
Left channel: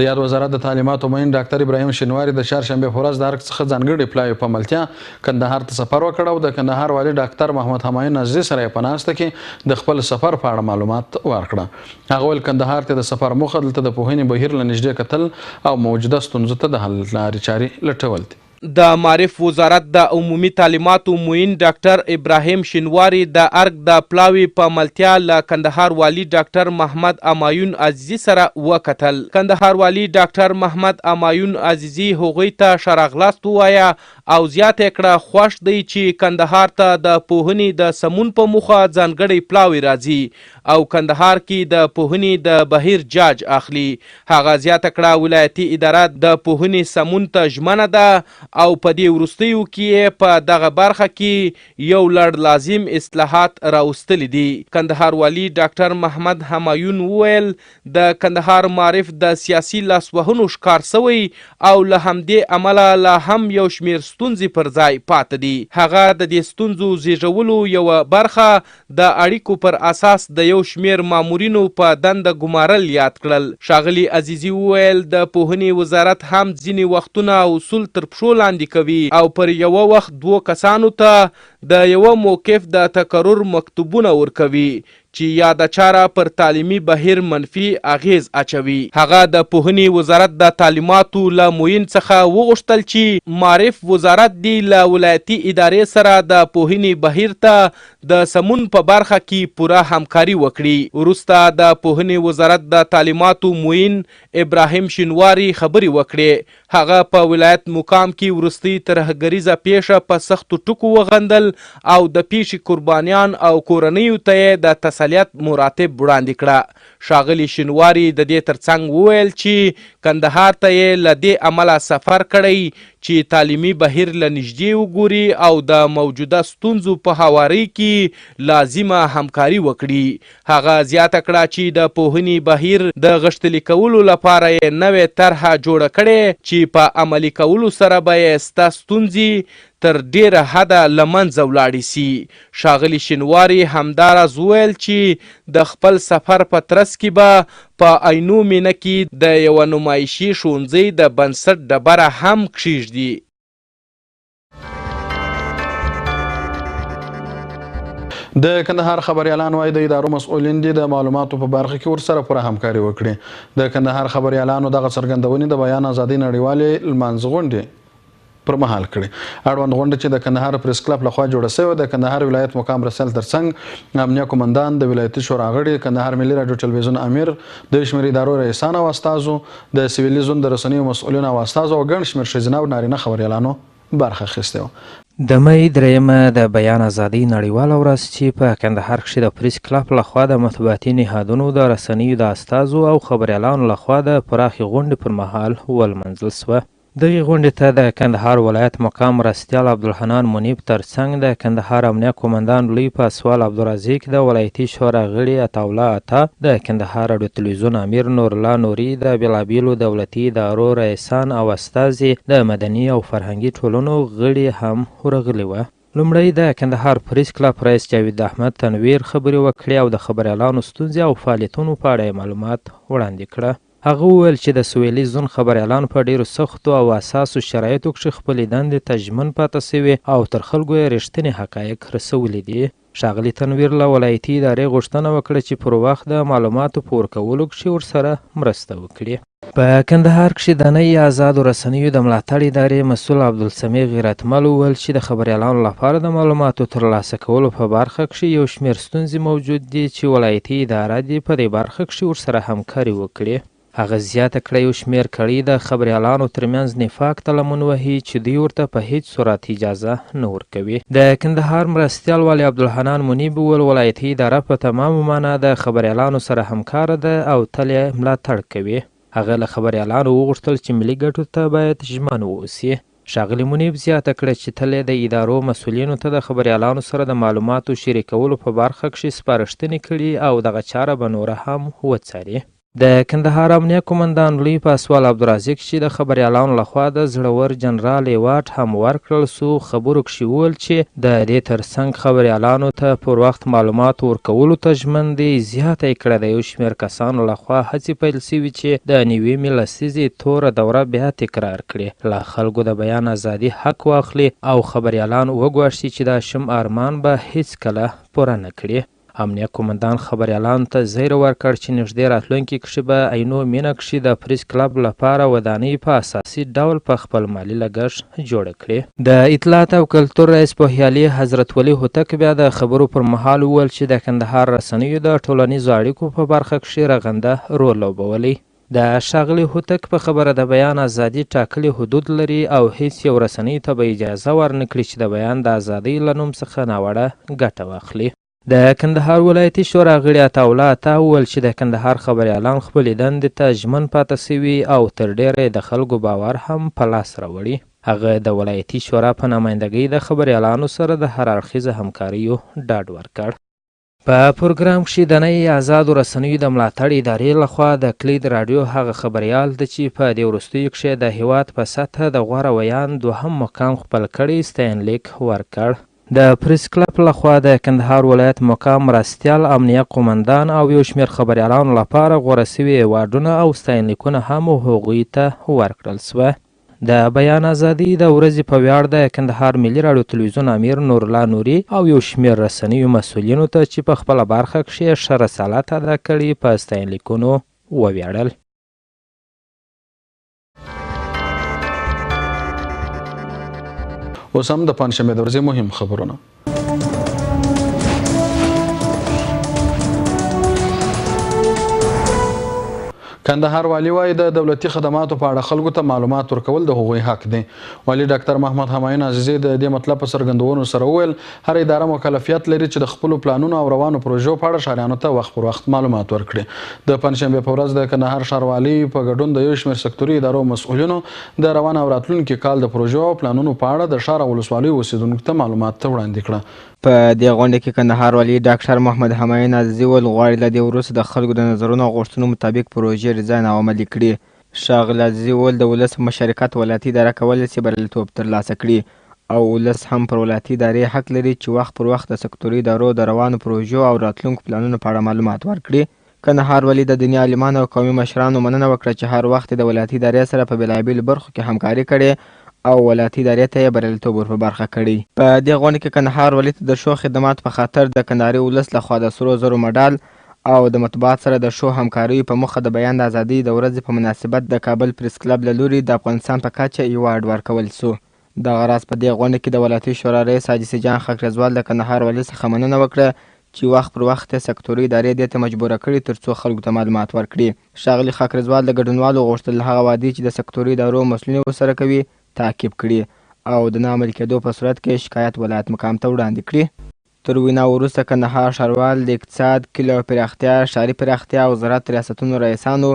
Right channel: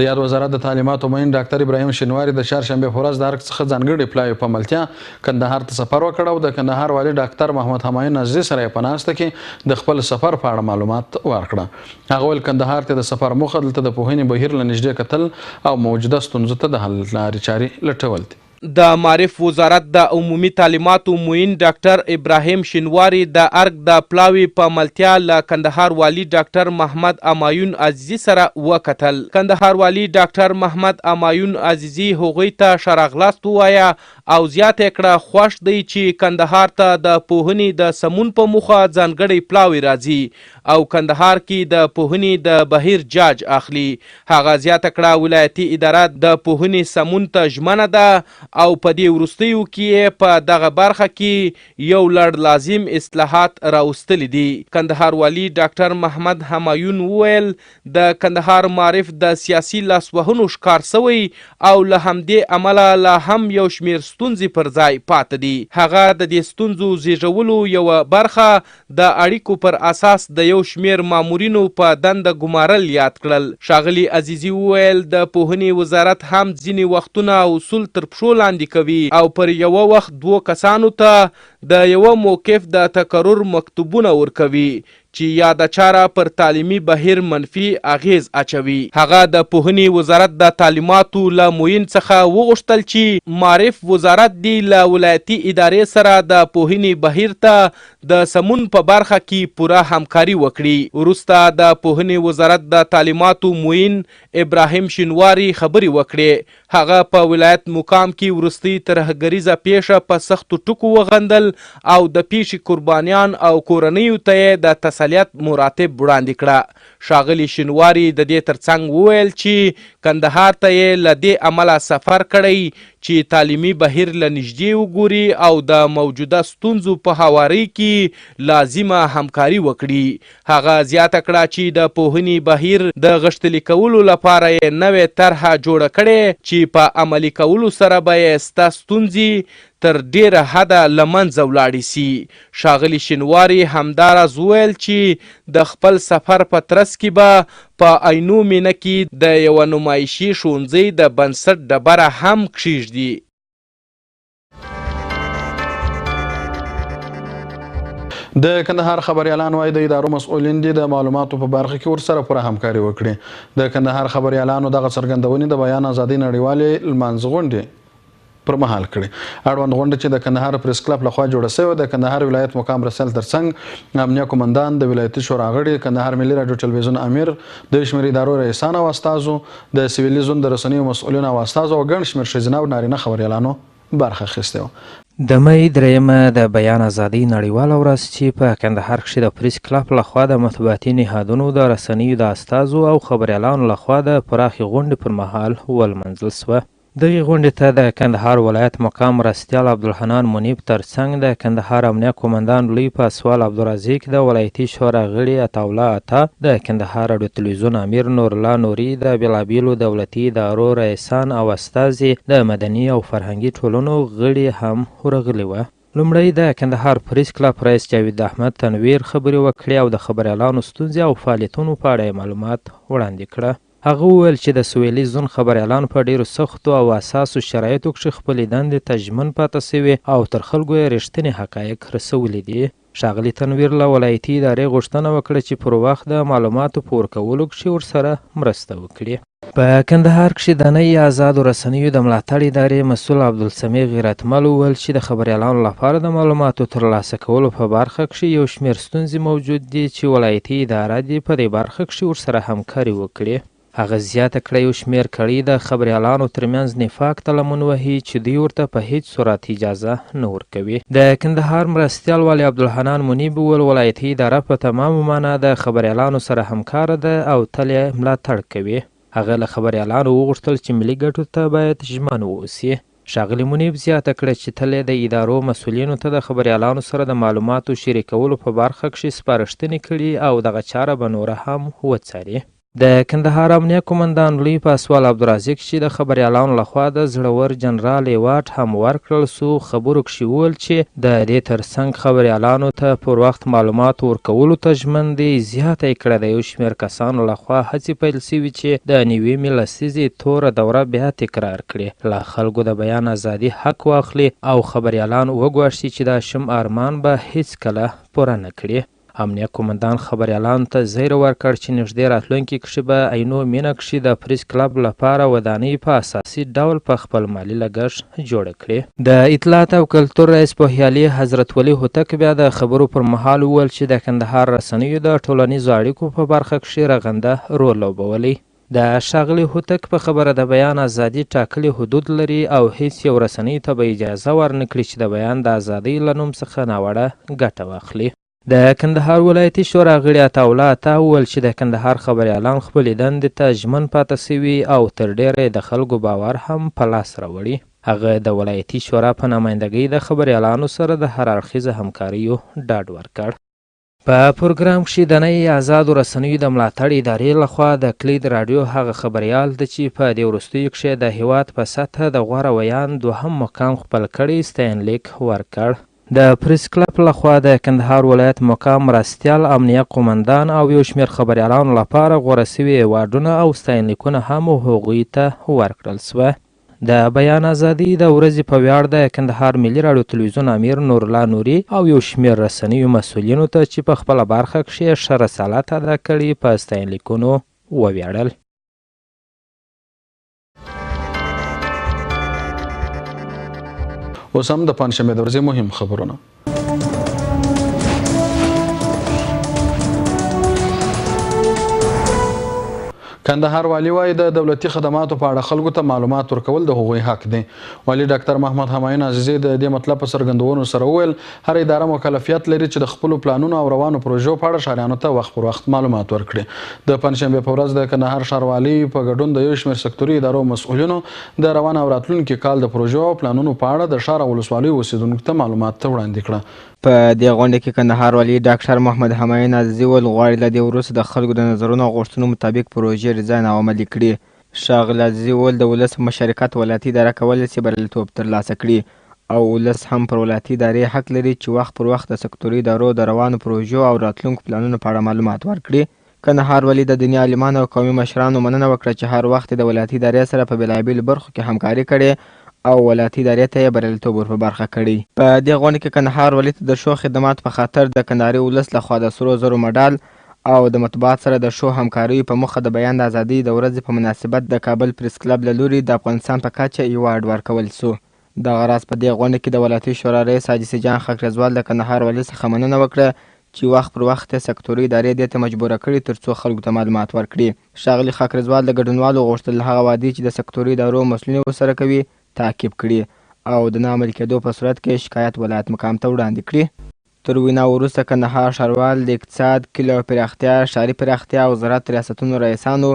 د یاد وزارت د تعلیماتو معین ډاکټر ابراهیم شینواري د چهارشنبې په ورځ د ارګ څخه ځانګړي پلاوي په ملتیا کندهار ته سفر وکړ او د کندهار والي ډاکټر محمد همایون عزیزي سره یې په ناسته کې د خپل سفر په اړه معلومات ورکړه. هغه ویل کندهار ته د سفر موخه دلته د پوهنې بهیر له نږدې کتل او موجوده ستونزو ته د حل لارې چارې لټول دي. د معارف وزارت د عمومي تعلیماتو معین ډاکټر ابراهیم شینواري د ارګ د پلاوي په ملتیا له کندهار والي ډاکټر محمد همایون عزیزي سره وکتل. کندهار والي ډاکټر محمد همایون عزیزي هغوی ته ښه راغلاست ووایه او زیاته کړه خوښ دی چې کندهار ته د پوهنې د سمون په موخه ځانګړی پلاوي راځي او کندهار کې د پوهنې د بهیر جاج اخلي. هغه زیاته کړه ولایتي اداره د پوهنې سمون ته ژمنه ده او په دې وروستیو کې په دغه برخه کې یو لړ لازم اصلاحات راوستلي دي. کندهار والي ډاکټر محمد همایون وویل د کندهار معارف د سیاسي لاسوهنو ښکار سوی او له همدې امله لا هم یو شمیر ستونزې پر ځای پاتې دي. هغه د دې ستونزو زیږولو یوه برخه د اړیکو پر اساس د یو شمیر مامورینو په دنده ګمارل یاد کړل. ښاغلي عزیزي وویل د پوهنې وزارت هم ځینې وختونه اصول تر پښو لاندې کوي او پر یوه وخت 2 کسانو ته د یوه موقف د تکرر مکتوبونه ورکوي چې یاده چاره پر تعلیمي بهیر منفي اغیز اچوي. هغه د پوهنې وزارت د تعلیماتو له معین څخه وغوښتل چې معارف وزارت دی له ولایتي ادارې سره د پوهنې بهیر ته د سمون په برخه کې پوره همکاري وکړي. وروسته د پوهنې وزارت د تعلیماتو معین ابراهیم شینواري خبرې وکړې. هغه په ولایت مقام کې وروستۍ ترهګریزه پیښه په سختو ټکو وغندل او د پیښې قربانیان او کورنیو ته د تسلیت مراتب وړاندې کړه. ښاغلي شینواري د دې ترڅنګ وویل چې کندهار ته یې له دې امله سفر کړی چې تعلیمي بهیر له نږدې وګوري او د موجوده ستونزو په هواري کې لازمه همکاري وکړي. هغه زیاته کړه چې د پوهنې بهیر د غښتلي کولو لپاره یې نوې طرحه جوړه کړې چې په عملي کولو سره به یې سته ستونزې تر ډیره حده له منځه ولاړې سي. ښاغلي شینواري همداراز وویل چې د خپل سفر په ترڅ کې به په عینو مینه کې د یوه نمایشي ښوونځي د بنسټ ډبره هم کښیږدي. د کندهار خبریالان وایي د ادارو مسؤلین دي د معلوماتو په برخه کې ورسره پوره همکاري وکړي. د کندهار خبریالانو دغه څرګندونې د بیان ازادۍ نړیوالې لمانځه غونډې پر مهال کړي. اړوند غونډه چې د کندهار پریس کلب لخوا جوړه شوې د کندهار ولایت مقام رسل ترڅنګ امنیه قومندان د ولایتي شورا غړي کندهار ملي راډیو ټلوېزیون امیر د شمېر ادارو رئیسان او استازو د سویلي زون د رسنیو مسؤلین او استازو او ګڼ شمېر ښځینه او نارینه خبریالانو برخه اخیستې وه. د مۍ 3 د بیان ازادۍ نړیواله ورځ چې په کندهار کښې د پریس کلب لخوا د مطبوعاتي نهادونو د رسنیو د استازو او خبریالانو لخوا د پراخې غونډې پر مهال ولمنځل سوه. دغې غونډې ته د کندهار ولایت مقام مرستیال عبدالحنان منیب ترڅنګ د کندهار امنیه قومندان لوی پاسوال عبدالرزیق د ولایتي شورا غړي عطاالله عطا د کندهار راډیو ټلوېزیون امیر نورالله نوري د بېلابېلو دولتي ادارو رئیسان او استازي د مدني او فرهنګي ټولنو غړي هم ورغلي وه. لومړی د کندهار پریس کلب رئیس جاوید احمد تنویر خبرې وکړې او د خبریالانو ستونزې او فعالیتونو په اړه معلومات وړاندې کړه. هغه وویل چې د سویلي زون خبریالان په ډیرو سختو او اساسو شرایطو کښې خپلې دندې ته ژمن پاته سوي او تر خلکو یې رښتینې حقایق رسولي دي. ښاغلي تنویر له ولایتي ادارې غوښتنه وکړه چې پر وخت د معلوماتو په ورکولو کښې ورسره مرسته وکړي. په کندهار کښې د نوي آزادو رسنیو د ملاتړ ادارې مسؤل عبدالسمیع غیرتمل وویل چې د خبریالانو لپاره د معلوماتو ترلاسه کولو په برخه کښې یو شمېر ستونزې موجود دي چې ولایتي اداره دې په دې برخه کښې ورسره همکاري وکړي. هغه زیاته کړه یو شمېر کړۍ د خبریالانو ترمنځ نفاق ته لمن وهي چې دوی ورته په هیڅ صورت اجازه نه ورکوي. د کندهار مرستیال والي عبدالحنان منیب وویل ولایتي اداره په تمامه معنا د خبریالانو سره همکاره ده او تل یې ملاتړ کوي. هغه له خبریالانو وغوښتل چې ملي ګټو ته باید ژمن واوسي. ښاغلي منیب زیاته کړه چې تل د ادارو مسؤلینو ته د خبریالانو سره د معلوماتو شریکولو په برخه کښې سپارښتنې کړي او دغه چاره به نوره هم وڅاري. د کندهار امنیه قومندان لوی پاسوال عبدالرازق چې د خبریالانو لخوا د زړور جنرال ایوارډ هم ورکړل سو خبرو کښې وویل چې د دې ترڅنګ خبریالانو ته پر وخت معلومات ورکولو ته ژمن دي. زیاته یې کړه د یو شمېر کسانو لخوا هڅې پیل سوي چې د نوې لسیزې توره دوره بیا تکرار کړي، له خلکو د بیان ازادي حق واخلي او خبریالان وګواښي چې دا شم ارمان به هیڅکله پوره نه کړي. امنیه قومندان خبریالانو ته زیری ورکړ چې نږدې راتلونکي کښې به عینو مینه کښې د پریس کلب لپاره ودانۍ په اساسي ډول په خپل مالي لګښت جوړه کړي. د اطلاعات او کلتور رئیس پوهیالي حضرت ولي هوتک بیا د خبرو پر مهال وویل چې د کندهار رسنیو د ټولنیزو اړیکو په برخه کښې رغنده رول لوبولی. د ښاغلي هوتک په خبره د بیان ازادي ټاکلي حدود لري او هیڅ یو رسنۍ ته به اجازه ورنکړي چې د بیان د ازادۍ له نوم څخه ناوړه ګټه واخلي. د کندهار ولایتي شورا غړي عطاالله عطا وویل چې د کندهار خبریالان خپلې دندې ته ژمن پاته سوي او تر ډیره د خلکو باور هم په لاس راوړي. هغه د ولایتي شورا په نمایندګۍ د خبریالانو سره د هر اړخیزه همکاریو ډاډ ورکړ. په پروګرام کښې د نوې آزادو رسنیو د ملاتړ ادارې لخوا د کلید راډیو هغه خبریال ده چې په دې وروستیو کښې د هیواد په سطحه د غوره ویان دوهم مقام خپل کړی ستاینلیک ورکړ. د پریس کلب لخوا د کندهار ولایت مقام مرستیال امنیه قومندان او یو شمېر خبریالانو لپاره غوره سوي ایوارډونه او ستاینلیکونه هم هغوی ته ورکړل سوه. د بیان ازادي د ورځې په ویاړ د کندهار ملي راډیو ټلوېزیون امیر نورالله نوري او یو شمېر رسنیو مسؤلینو ته چې په خپله برخه کښې ښه رسالت ادا کړي په ستاینلیکونو وویاړل. اوس هم د پنجشنبې د ورځې مهم خبرونه. کندهار والي وایي د دولتي خدماتو په اړه خلکو ته معلومات ورکول د هغوی حق دی. والي ډاکټر محمد همایون عزیزی د دې مطلب په څرګندولو سره وویل هر اداره مکلفیت لري چې د خپلو پلانونو او روانو پروژو په اړه ښاریانو ته وخت پر وخت معلومات ورکړي. د پنجشنبې په ورځ د کندهار ښاروالي په ګډون د یو شمېر سکتوري ادارو مسؤلینو د روان او راتلونکي کال د پروژو او پلانونو په اړه د ښار او ولسوالیو اوسېدونکو ته معلومات وړاندې کړه. په دې غونډه کې کندهار والي ډاکټر محمد همایون عزیزي وویل غواړي له دې وروسته د خلکو د نظرونو او غوښتنو مطابق پروژې ډیزاین او عملي کړي. ښاغلي عزیزي وویل د ولس په مشارکت ولایتي اداره کولی شي بریالیتوب ترلاسه کړي او ولس هم پر ولایتي ادارې حق لري چې وخت پر وخت د سکتوري ادارو د روانو پروژو او راتلونکو پلانونو په اړه معلومات ورکړي. کندهار والي د دیني عالمانو او قومي مشرانو مننه وکړه چې هر وخت د ولایتي ادارې سره په بېلابېلو برخو کې همکاري کړې او ولایتي ادارې ته یې بریالیتوب ور په برخه کړی. په دې غونډه کې کندهار والي ته د ښو خدماتو په خاطر د کندهاري ولس لخوا د سرو زرو مډال او د مطبوعات سره د ښو همکاریو په موخه د بیان د ازادۍ د ورځې په مناسبت د کابل پریس کلب له لوري د افغانستان په کچه ایوارډ ورکول سو. دغه راز په دې غونډه کې د ولایتي شورا رئیس حاجي سجان خاکریزوال د کندهار والي څخه مننه وکړه چې وخت پر وخت سکتوري ادارې دې ته مجبوره کړي ترڅو خلکو ته معلومات ورکړي. ښاغلي خاکریزوال د ګډونوالو غوښتل هغه وعدې چې د سکتوري ادارو مسؤلین ورسره کوي تعقیب کړي او د نه عملي کېدو په صورت کې شکایت ولایت مقام ته وړاندې کړي. تر وینا وروسته کندهار ښاروال د اقتصاد، کلیو پراختیا، ښاري پراختیا او زراعت ریاستونو رئیسانو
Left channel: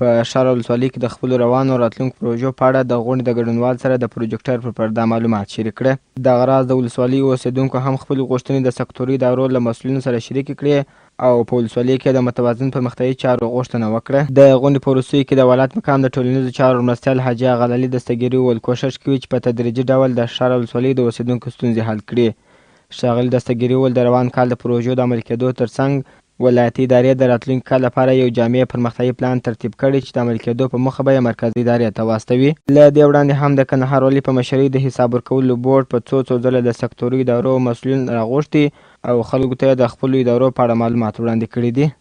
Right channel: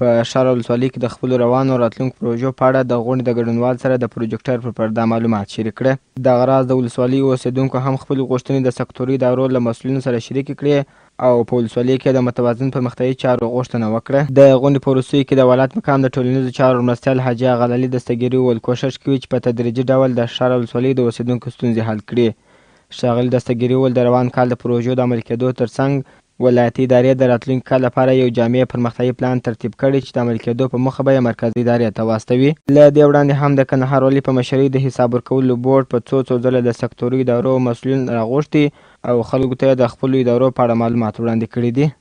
په ښار او ولسوالۍ کې د خپلو روانو راتلونکو پروژو په اړه د غونډې د ګډونوال سره د پروجیکټر پر پرده معلومات شریک کړه. دغه راز د ولسوالۍ اوسېدونکو هم خپلې غوښتنې د سکتوري ادارو له مسؤلینو سره شریکې کړې او په ولسوالۍ کې د متوازن پرمختیایي چارو غوښتنه وکړه. د غونډې په وروستیو کې د ولایت مقام د ټولنیزو چارو مرستیال حاجي غلالي دستګیري وویل کوښښ کوي چې په تدریجي ډول د ښار او ولسوالۍ د اوسېدونکو ستونزې حل کړي. ښاغلي دستګیري وویل د روان کال د پروژو د عملي کېدو ترڅنګ ولایتي ادارې د راتلونکي کال لپاره یو جامع پرمختیایي پلان ترتیب کړی چې د عملي کېدو په موخه به یې مرکزي ادارې ته واستوي. له دې وړاندې هم د کندهار والي په مشرۍ د حساب ورکولو بورډ په څو ځله د سکتوري ادارو مسؤلین راغوښتي او خلکو ته د خپلو ادارو په اړه معلومات وړاندې کړي دي.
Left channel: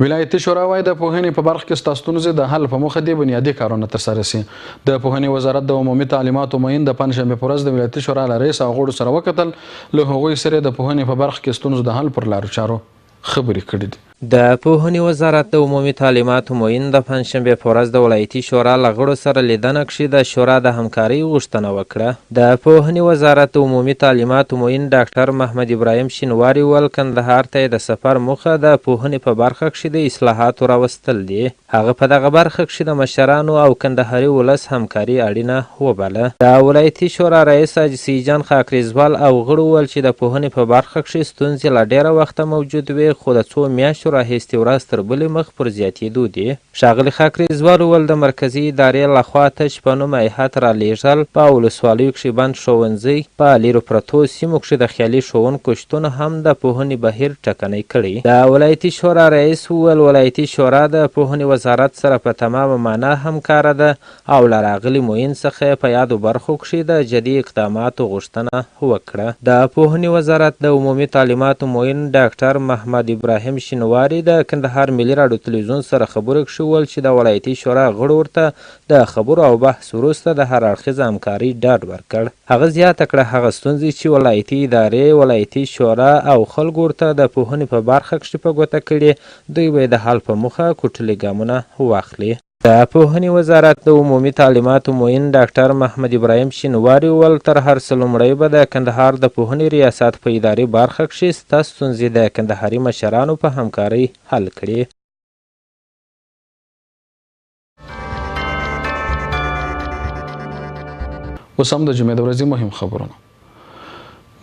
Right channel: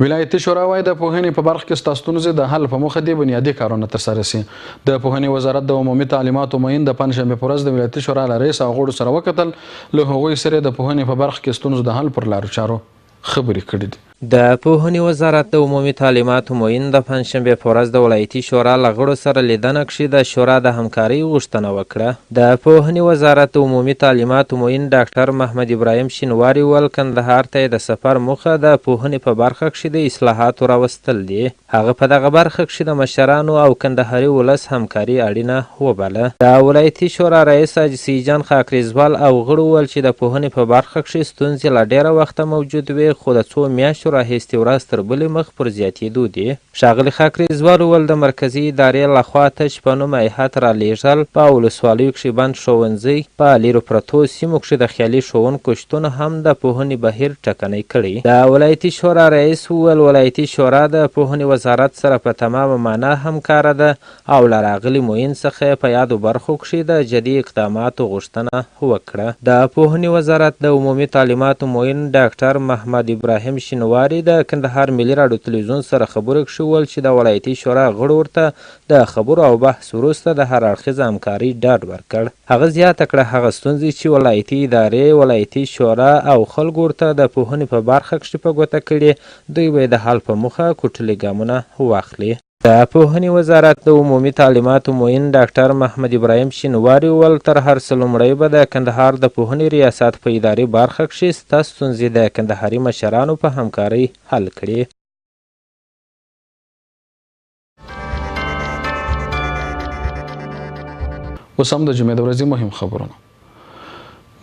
ولایتي شورا وایي د پوهنې په برخه کې ستا ستونزې د حل په موخه دې بنیادي کارونه ترسره سي. د پوهنې وزارت د عمومي تعلیماتو معین د پنجشنبې په ورځ د ولایتي شورا له رئیس او غړو سره وکتل. له هغوی سره د پوهنې په برخه کې ستونزو د حل پر لارو چارو خبرې کړې دي. د پوهنې وزارت د عمومي تعلیماتو معین د پنجشنبې په ورځ د ولایتي شورا له غړو سره لیدنه کښې د شورا د همکارۍ غوښتنه وکړه. د پوهنې وزارت د عمومي تعلیماتو معین ډاکټر محمد ابراهیم شینواري وویل کندهار ته د سفر موخه د پوهنې په برخه کښې د اصلاحاتو راوستل دي. هغه په دغه برخه کښې د مشرانو او کندهاري ولس همکاري اړینه وبله. د ولایتي شورا رئیس حاجي سیدجان خاکریزوال او غړو وویل چې د پوهنې په برخه کښې ستونزې له ډېره وخته موجود وي خو د څو میاشتو راهیستې ورځ تر بلې مخ پر زیاتېدو دي. ښاغلي خاکریزوال وویل د مرکزي ادارې لخوا تش په نوم هیات رالیږل په ولسوالیو کښې بند ښوونځي په لیرو پرتو سیمو کښې د خیالي ښوونکو شتون هم د پوهنې بهیر ټکنی کړی. د ولایتي شورا رئیس وویل ولایتي شورا د پوهنې وزارت سره په تمامه معنا همکاره ده او له راغلي معین څخه په یادو برخو کښې د جدي اقداماتو غوښتنه وکړه. د پوهنې وزارت د عمومي تعلیماتو معین ډاکټر محمد ابراهیم شینواري د کندهار ملي راډیو ټلوېزیون سره خبرو کښې وویل چې د ولایتي شورا غړو ورته د خبرو او بحث وروسته د هر اړخیزه همکارۍ ډاډ ورکړ. هغه زیاته کړه هغه ستونزې چې ولایتي ادارې ولایتي شورا او خلکو ورته د پوهنې په برخه کښې په ګوته کړي دوی به د حل په موخه کوټلي ګامونه واخلي. د پوهنې وزارت د عمومي تعلیماتو معین ډاکټر محمد ابراهیم شینواري وویل تر هر څه لومړی به د کندهار د پوهنې ریاست په اداري برخه کښې سته ستونزې د کندهاري مشرانو په همکارۍ حل کړي. اوس هم د جمعې د ورځې مهم خبرونه.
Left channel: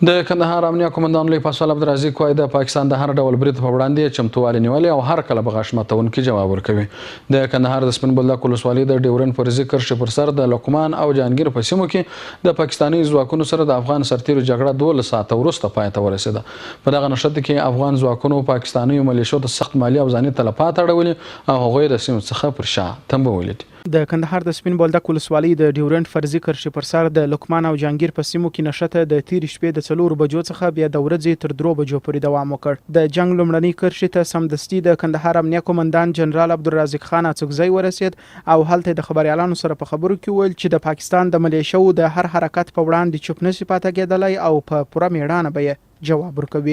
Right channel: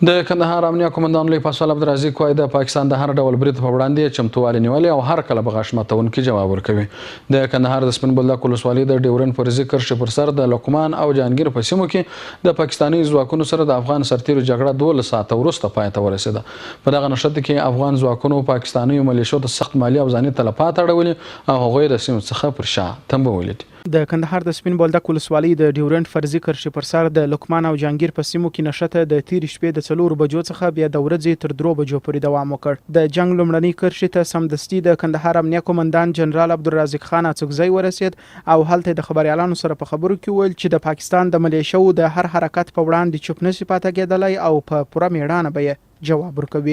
د کندهار امنیه قومندان لوی پاسوال عبدالرزاق کوی د پاکستان د هر ډول برید په وړاندې چمتووالی نیولې او هر کله به غاښ ماتونکي جواب ورکوي. د کندهار د سپین بولدک ولسوالۍ د ډیورنډ فرضي کرښې پر سر د لقمان او جهانګیر په سیمو کې د پاکستاني ځواکونو سره د افغان سرتیرو جګړه 12 ساعته وروسته پای ته ورسېده. په دغه نښته کې افغان ځواکونو پاکستاني ملیشو ته سخت مالي او ځاني تلفات اړولي او هغوی د سیمو څخه پر شا تمبولي دي. د کندهار د سپین بولدک ولسوالۍ د ډیورنډ فرضي کرښې پر سر د لقمان او جهانګیر په سیمو کې نښته د تېرې شپې د 4 بجو څخه بیا د ورځې تر 3 بجو پورې دوام وکړ. د جنگ لومړنۍ کرښې ته سمدستي د کندهار امنیه قومندان جنرال عبدالرزاق خان اڅکزی ورسېد او هلته د خبريالانو سره په خبرو کې وویل چې د پاکستان د ملیشو د هر حرکت په وړاندې چوپ نشي پاتې کېدلی او په پوره میړانه به جواب ورکوي.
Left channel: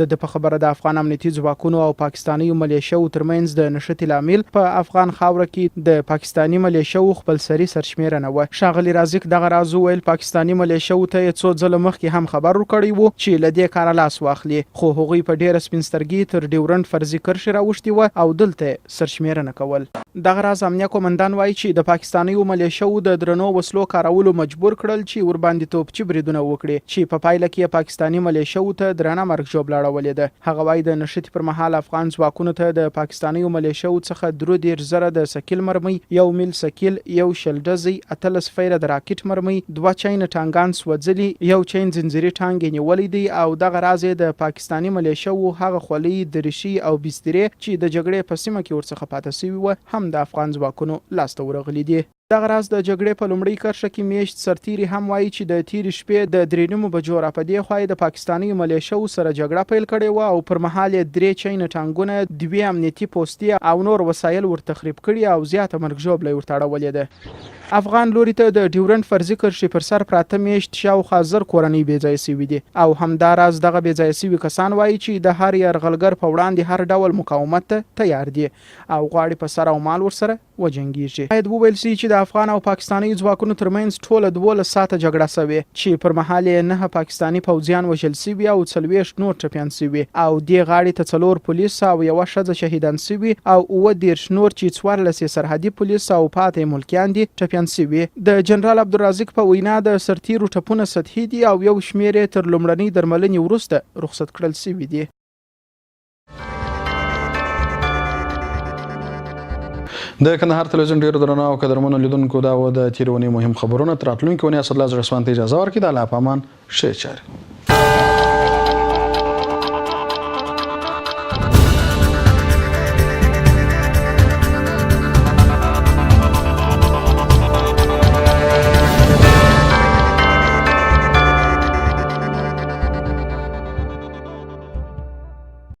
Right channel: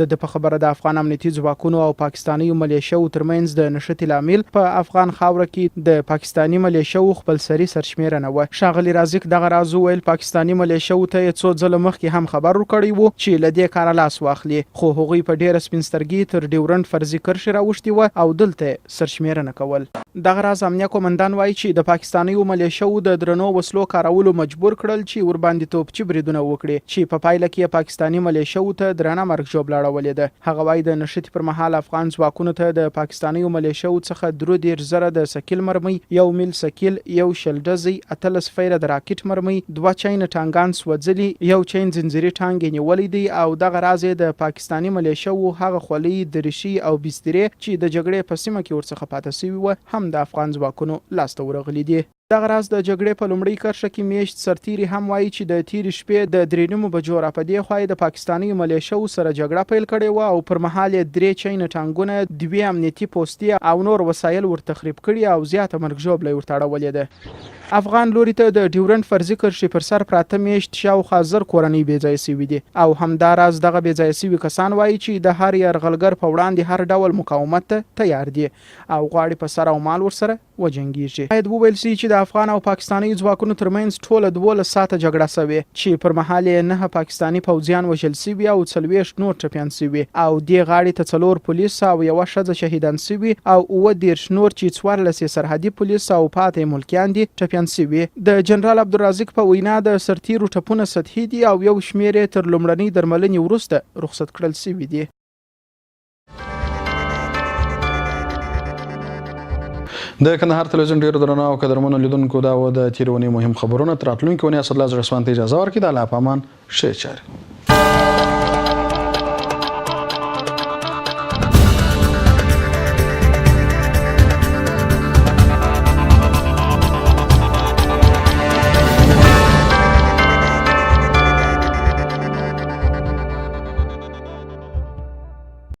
د په خبره د افغان امنیتي ځواکونو او پاکستاني ملیشو ترمنځ د نښتې لامل په افغان خاوره کې د پاکستاني ملیشو خپلسري سرشمیره نه و. ښاغلي رازق دغه راز وویل پاکستاني ملیشو ته یې څو ځله مخکې هم خبر ورکړی و چې له دې کاره لاس واخلي خو هغوی په ډیره سپین سترګي تر ډیورنډ فرضي کرښې راوښتي و او دلته سرشمیره نه کول. دغه راز امنیه قومندان وایي چې د پاکستاني ملیشو د درنو وسلو کارولو مجبور کړل چې ورباندې توپچي بریدونه وکړي چې په پایله کې پاکستاني ملیشو ته درنه مرګ ژوبله اړولې ده. هغه وایي د نښتې پر مهال افغان ځواکونو ته د پاکستاني ملیشو څخه 13,000 د سکیل مرمۍ 1 میل سکیل 1 شل ډزې 18 فیره د راکټ مرمۍ 2 چین ټانګان سوځلي 1 چین زنځیري ټانګ نیولې دي او دغه راز د پاکستاني ملیشو هغه خولۍ دریشي او بسترې چې د جګړې په سیمه کې ورڅخه پاتې شوي و هم د افغان ځواکونو لاسته ورغلي دي. دغه راز د جګړې په لومړۍ کرښه کې میشت سرتیري هم وایي چې د تېرې شپې د 3 بجو را په دې خوا د پاکستاني ملیشو سره جګړه پیل کړې وه او پر مهال یې 3 چین ټانګونه 2 امنیتي پوستې او نور وسایل ورتخریب کړي او زیاته مرګ ژوبله یې ورته اړولې ده. افغان لوري ته د ډیورنډ فرضي کرښې پر سر پراته میشت شاوخوا 1000 کورنۍ بېځایه سوي دي او همداراز دغه بېځایه سوي کسان وایي چې د هر یرغلګر په وړاندې هر ډول مقاومت ته تیار دي او غواړي په سر او مال ورسره وجنګیږي. باید وویل سي چې د افغان او پاکستاني ځواکونو ترمنځ ټوله 12 ساعته جګړه سوې چې پر مهال یې 9 پاکستاني پوځیان وژل سوي او 40 نور ټپیان سوي او دې غاړې ته 4 پولیس او 1 ښځه شهیدان سوي او 19 نور چې 14 سرحدي پولیس او پاتې ملکیان دي ټپیان سوي. د جنرال عبدالرزاق په وینا د سرتیرو ټپونه سطحي دي او یو شمېر یې تر لومړنۍ درملنې وروسته رخصت کړل سوي دي. د کندهار ټلوېزیون ډیرو درنو او قدرمنو لیدونکو دا و د تېرې اونۍ مهم خبرونه. تر راتلونکې اونۍ اسدالله زړسوان ته اجازه ورکړئ. د الله په امان ښې چارې.